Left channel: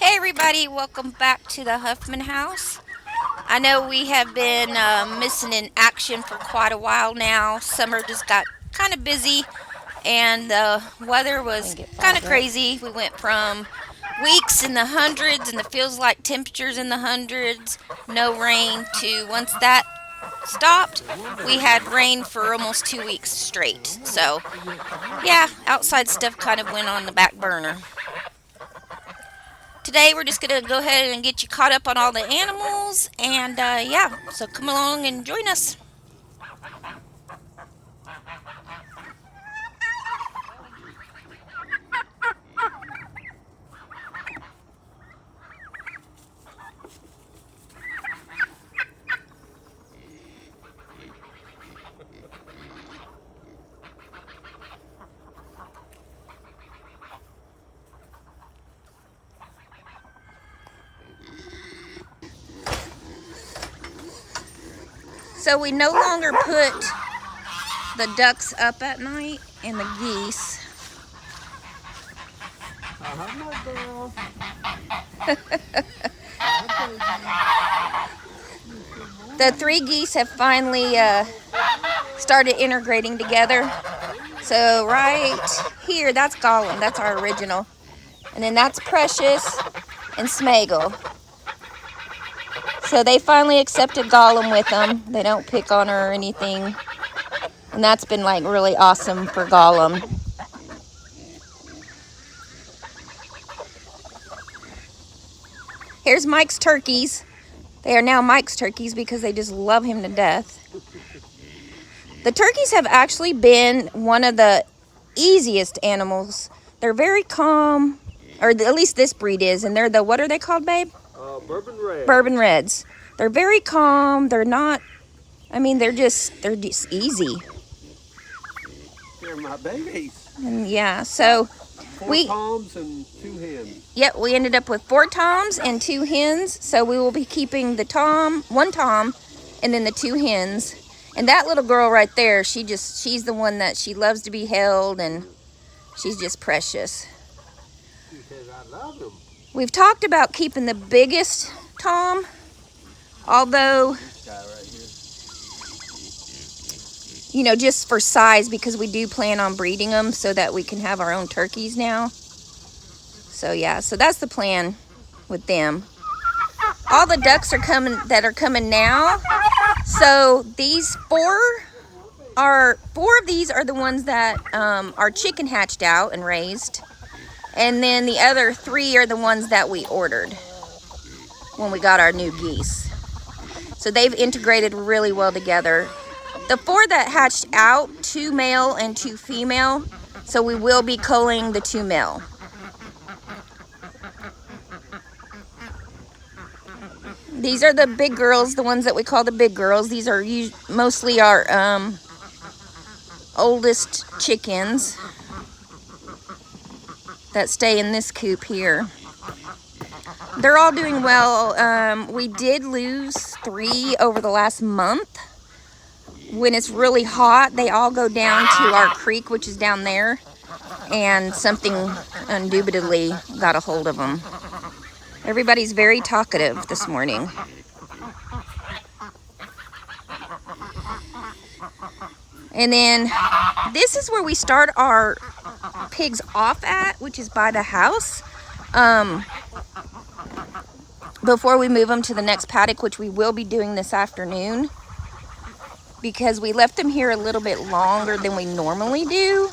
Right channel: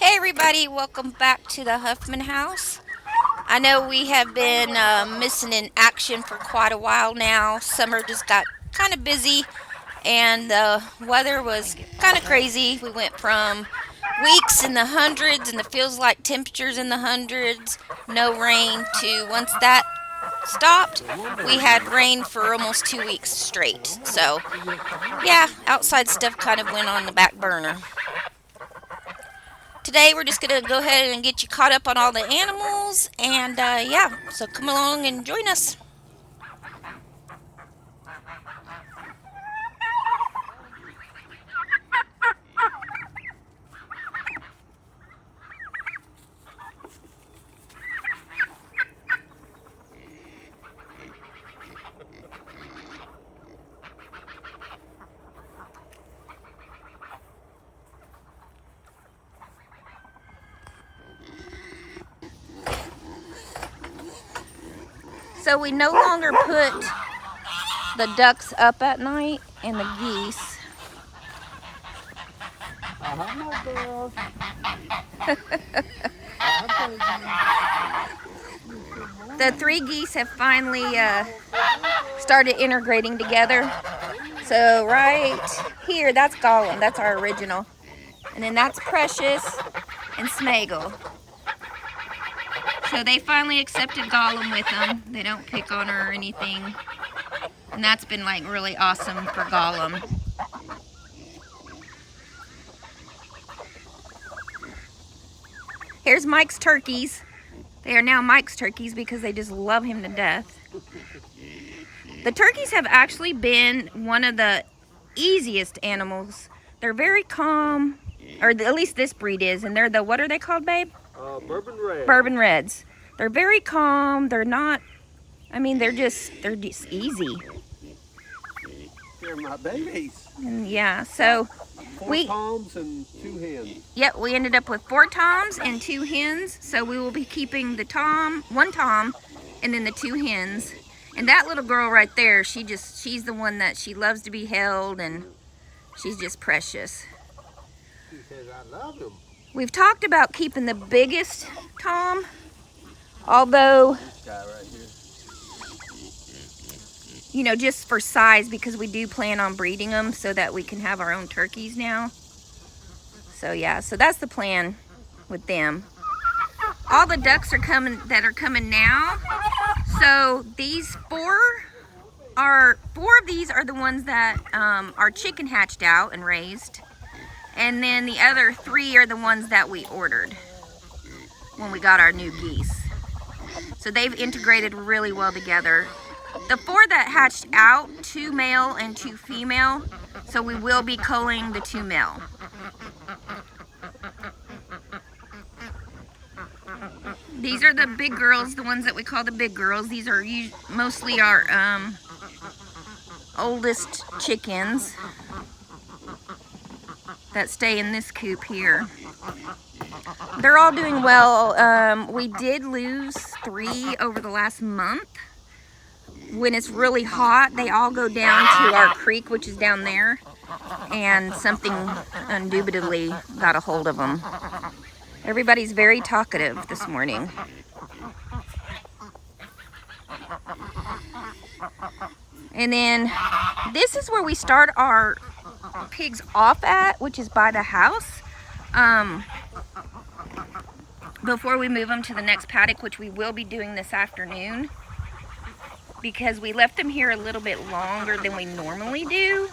Hey everybody, welcome back to the Huffman House. I know we have been missing in action for quite a while now. Summer just got kind of busy and the weather was kind of crazy. We went from weeks in the hundreds and it feels like temperatures in the hundreds, no rain, to once that stopped, we had rain for almost 2 weeks straight. So, yeah, outside stuff kind of went on the back burner. Today we're just going to go ahead and get you caught up on all the animals and yeah, so come along and join us. So we no longer put the ducks up at night and the geese. The three geese have finally started integrating together. So right here, that's Gollum, that's our original. And then that's Precious and Smaggle. So they finally accepted Gollum with them. They don't pick on her or anything. And that's been like really awesome for Gollum. Here's Mike's turkeys. They are now Mike's turkeys because they just love him to death. The turkeys have actually been one of the easiest animals. They're very calm, or at least this breed is, and they're the, what are they called, babe? Bourbon Red. Bourbon Reds. They're very calm. They're not, I mean, they're just easy. They're my babies. And yeah, so Four toms and 2 hens. Yep, we ended up with 4 toms and 2 hens. So we will be keeping the one tom, and then the 2 hens. And that little girl right there, she's the one that she loves to be held, and she's just precious. She says, I love them. We've talked about keeping the biggest tom, although, This guy right here. you know, just for size, because we do plan on breeding them so that we can have our own turkeys now. So yeah, so that's the plan with them. All the ducks are coming now. So these four of these are the ones that are chicken hatched out and raised. And then the other 3 are the ones that we ordered when we got our new geese. So they've integrated really well together. The 4 that hatched out, 2 male and 2 female. So we will be culling the 2 male. These are the big girls, the ones that we call the big girls. These are mostly our oldest chickens that stay in this coop here. They're all doing well. We did lose 3 over the last month. When it's really hot, they all go down to our creek, which is down there, and something indubitably got a hold of them. Everybody's very talkative this morning. And then this is where we start our pigs off at, which is by the house. Before we move them to the next paddock, which we will be doing this afternoon, because we left them here a little bit longer than we normally do.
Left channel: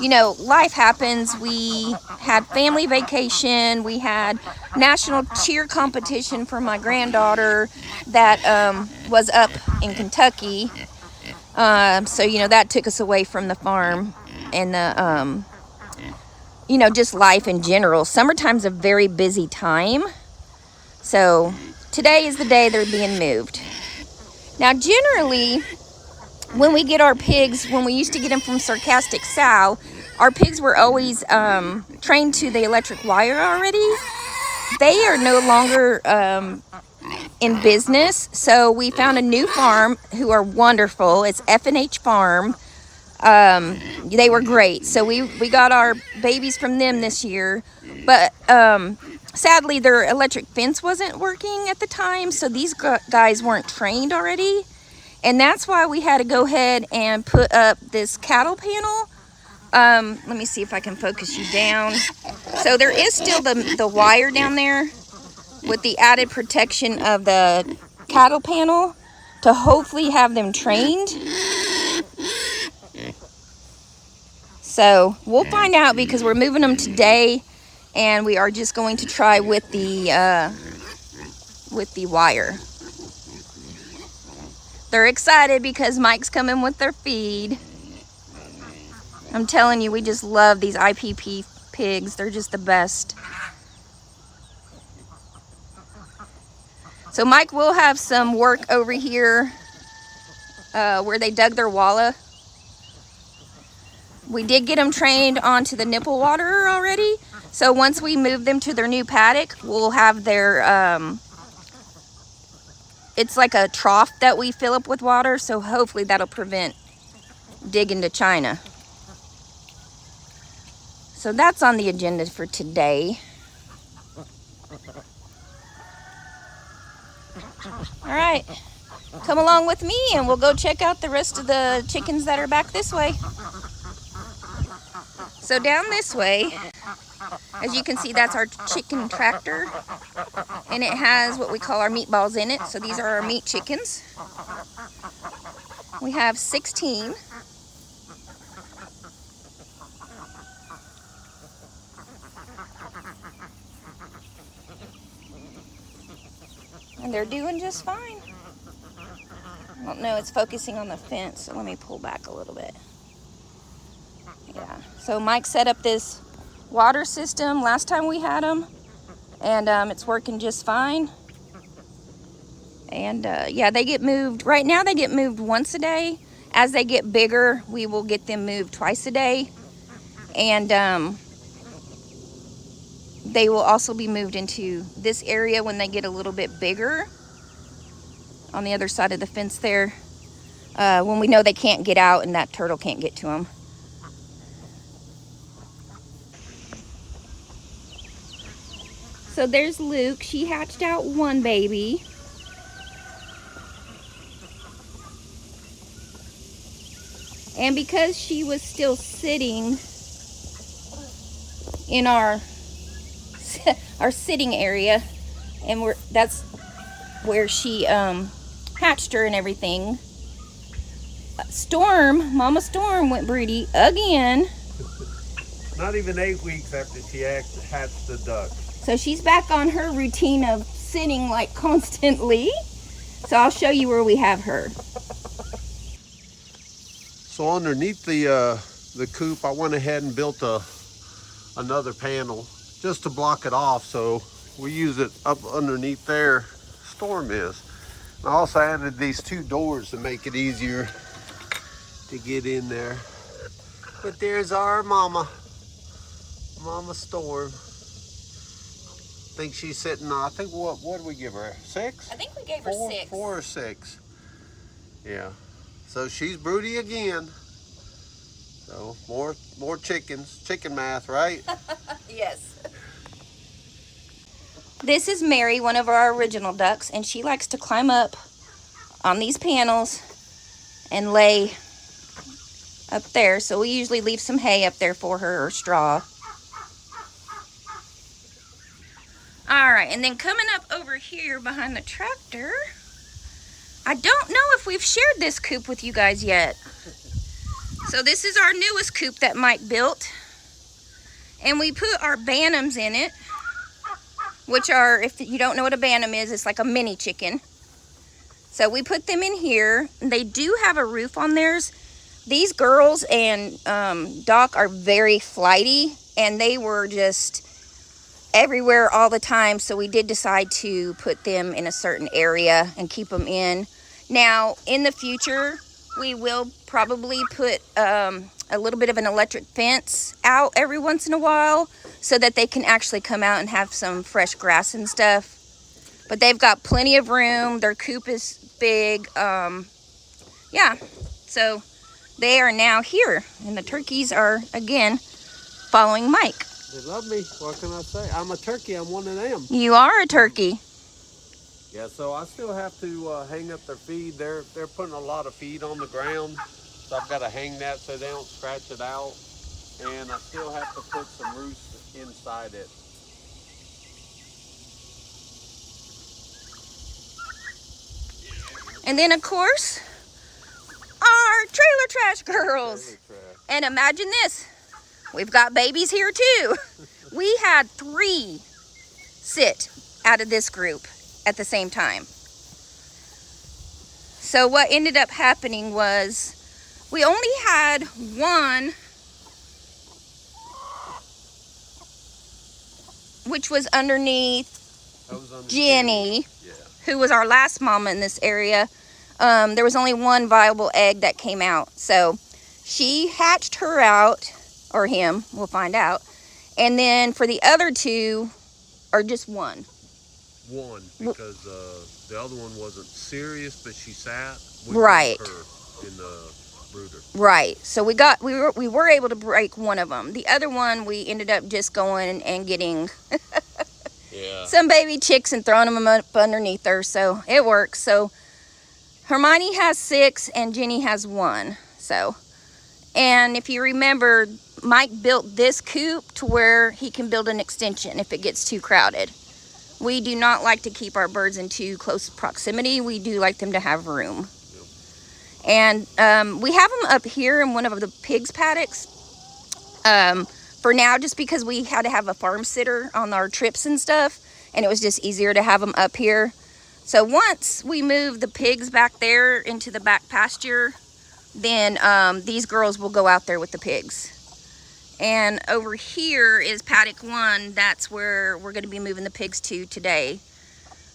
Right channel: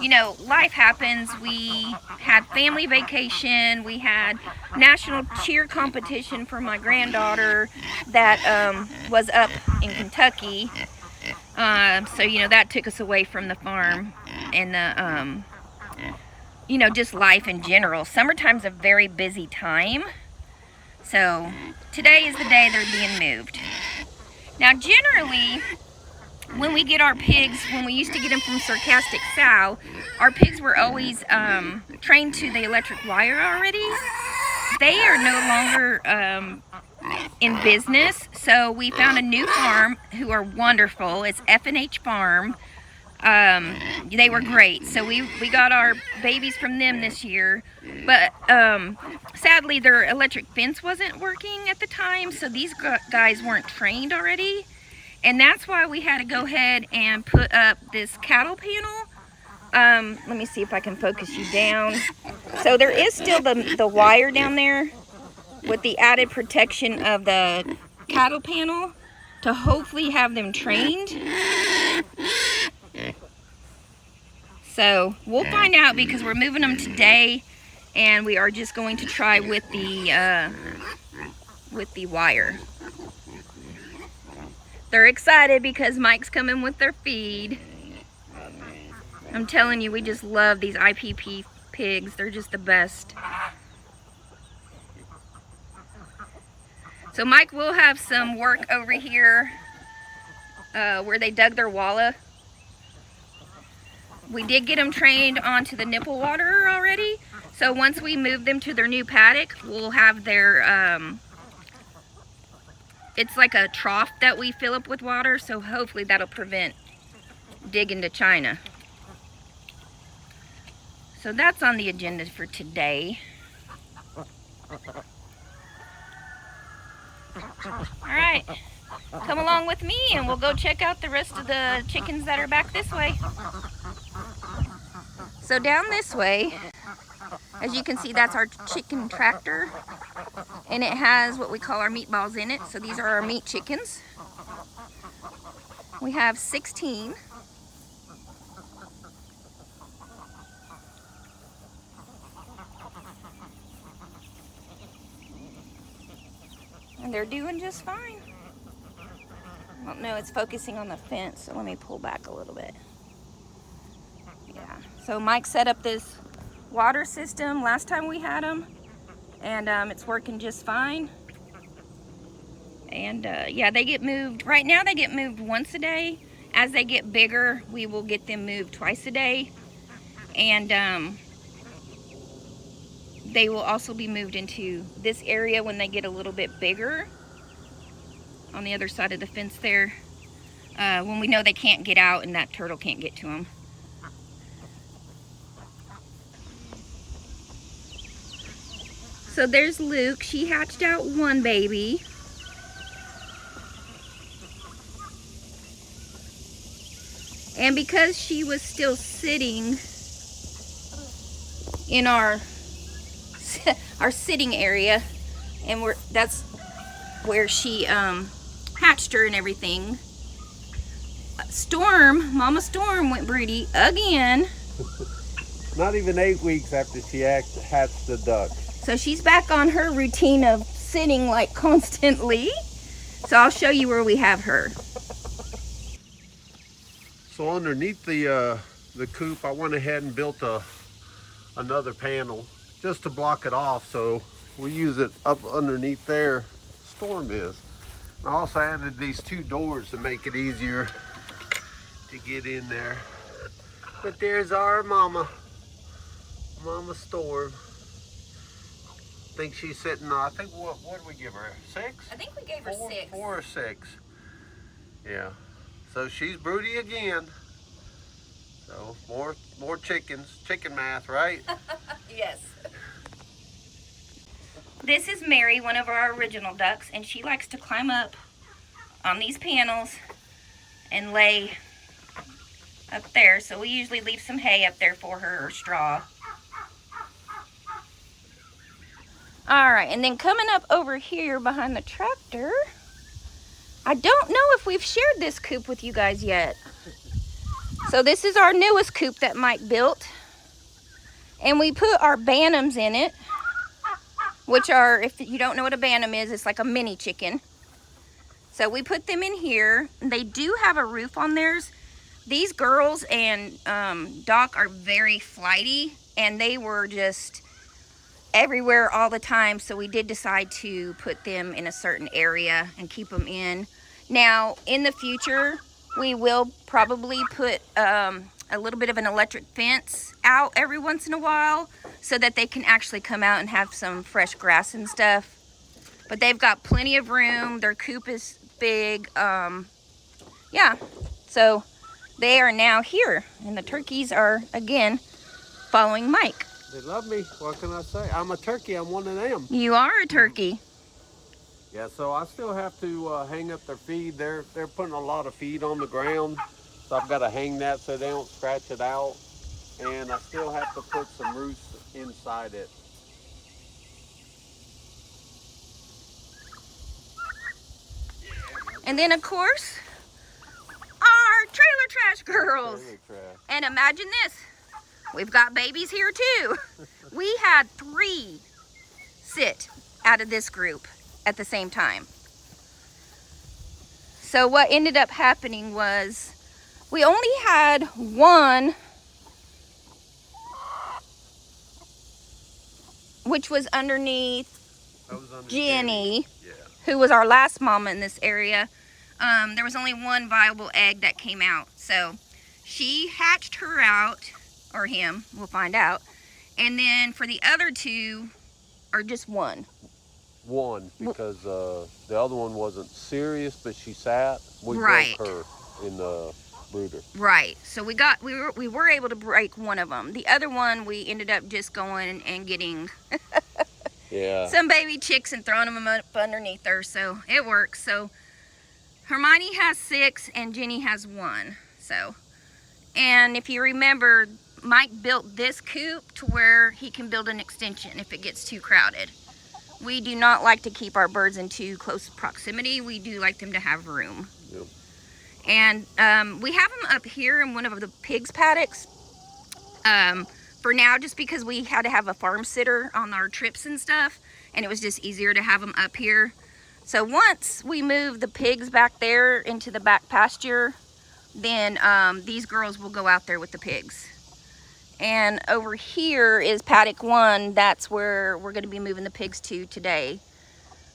You know, life happens. We had family vacation. We had national cheer competition for my granddaughter that was up in Kentucky. So, you know, that took us away from the farm and the, you know, just life in general. Summertime's a very busy time. So today is the day they're being moved. Now, generally, when we get our pigs, when we used to get them from Sarcastic Sow, our pigs were always trained to the electric wire already. They are no longer in business, so we found a new farm who are wonderful. It's F&H Farm. They were great. So we got our babies from them this year, but sadly their electric fence wasn't working at the time, so these guys weren't trained already, and that's why we had to go ahead and put up this cattle panel. Let me see if I can focus you down. So there is still the wire down there with the added protection of the cattle panel to hopefully have them trained. So we'll find out, because we're moving them today, and we are just going to try with the wire. They're excited because Mike's coming with their feed. I'm telling you, we just love these IPP pigs. They're just the best. So Mike will have some work over here where they dug their wallah. We did get them trained onto the nipple waterer already. So once we move them to their new paddock, we'll have their, it's like a trough that we fill up with water. So hopefully that'll prevent digging to China. So that's on the agenda for today. All right, come along with me and we'll go check out the rest of the chickens that are back this way. So down this way, as you can see, that's our chicken tractor, and it has what we call our meatballs in it. So these are our meat chickens. We have 16. And they're doing just fine. I don't know, it's focusing on the fence, so let me pull back a little bit. Yeah, so Mike set up this water system last time we had them, and it's working just fine. And yeah, they get moved. Right now they get moved once a day. As they get bigger, we will get them moved twice a day. And they will also be moved into this area when they get a little bit bigger on the other side of the fence there, when we know they can't get out and that turtle can't get to them. So there's Luke. She hatched out one baby. And because she was still sitting in our sitting area, and that's where she hatched her and everything, Mama Storm went broody again. Not even 8 weeks after she hatched the duck. So she's back on her routine of sitting like constantly. So I'll show you where we have her. So underneath the coop, I went ahead and built another panel just to block it off, so we use it up underneath there. Storm is. I also added these 2 doors to make it easier to get in there. But there's our Mama Storm. I think she's sitting on, I think, what did we give her? 6? I think we gave her 6. 4 or 6. Yeah. So she's broody again. So more chickens. Chicken math, right? Yes. This is Mary, one of our original ducks, and she likes to climb up on these panels and lay up there. So we usually leave some hay up there for her, or straw. All right, and then coming up over here behind the tractor, I don't know if we've shared this coop with you guys yet. So this is our newest coop that Mike built, and we put our bantams in it, which are, if you don't know what a bantam is, it's like a mini chicken. So we put them in here. They do have a roof on theirs. These girls and Doc are very flighty, and they were just everywhere all the time, so we did decide to put them in a certain area and keep them in. Now, in the future, we will probably put a little bit of an electric fence out every once in a while so that they can actually come out and have some fresh grass and stuff. But they've got plenty of room. Their coop is big. Yeah, so they are now here, and the turkeys are again following Mike. They love me. What can I say? I'm a turkey. I'm one of them. You are a turkey. Yeah, so I still have to hang up their feed. They're putting a lot of feed on the ground, so I've got to hang that so they don't scratch it out. And I still have to put some roost inside it. And then, of course, our trailer trash girls. Trailer trash. And imagine this. We've got babies here too. We had 3 sit out of this group at the same time. So what ended up happening was we only had one, which was underneath Jenny, Yeah. who was our last mama in this area. There was only one viable egg that came out. So she hatched her out, or him, we'll find out. And then for the other 2, or just one. One, because the other one wasn't serious, but she sat. We Right. broke her in the Buddha. Right. So we were able to break one of them. The other one, we ended up just going and getting Yeah. some baby chicks and throwing them up underneath her. So it works. So Hermione has 6 and Jenny has 1. So, and if you remember, Mike built this coop to where he can build an extension if it gets too crowded. We do not like to keep our birds in too close proximity. We do like them to have room. Yep. And we have them up here in one of the pigs paddocks for now, just because we had to have a farm sitter on our trips and stuff, and it was just easier to have them up here. So once we move the pigs back there into the back pasture, then these girls will go out there with the pigs. And over here is paddock 1. That's where we're going to be moving the pigs to today.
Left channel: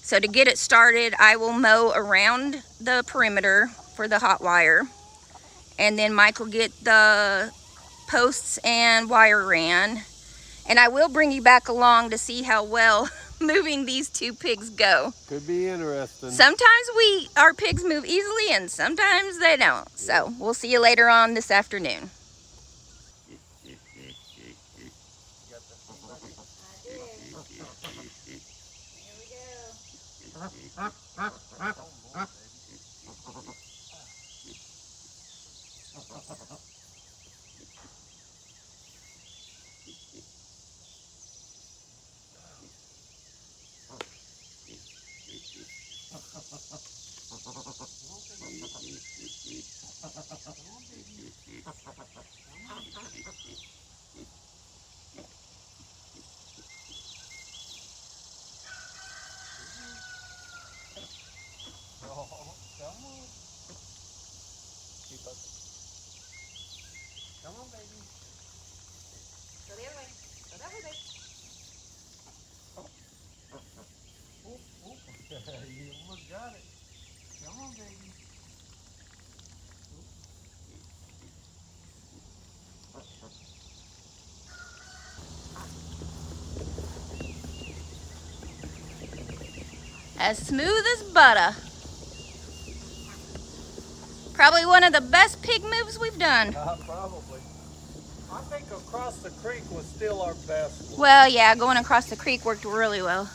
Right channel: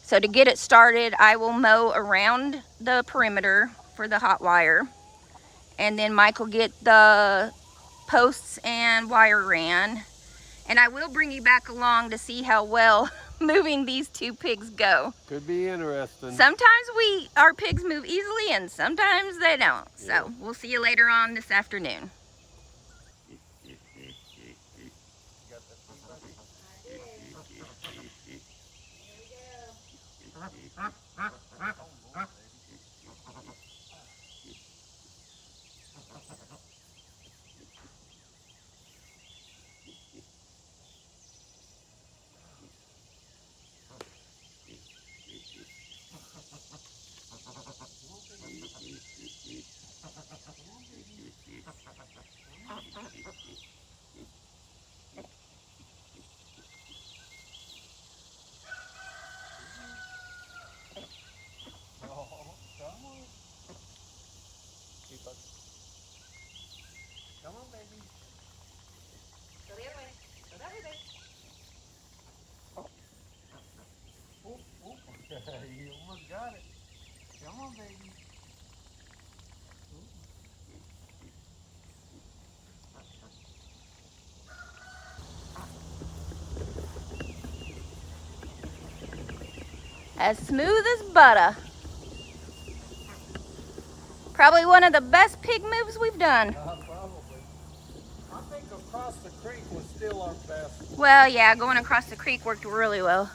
So to get it started, I will mow around the perimeter for the hot wire. And then Mike will get the posts and wire ran. And I will bring you back along to see how well moving these 2 pigs go. Could be interesting. Sometimes our pigs move easily and sometimes they don't. So we'll see you later on this afternoon. Come on, baby. Go the other way. Go that way, baby. You almost got it. Come on, baby. As smooth as butter. Probably one of the best pig moves we've done. Probably. I think across the creek was still our best one. Well, yeah, going across the creek worked really well.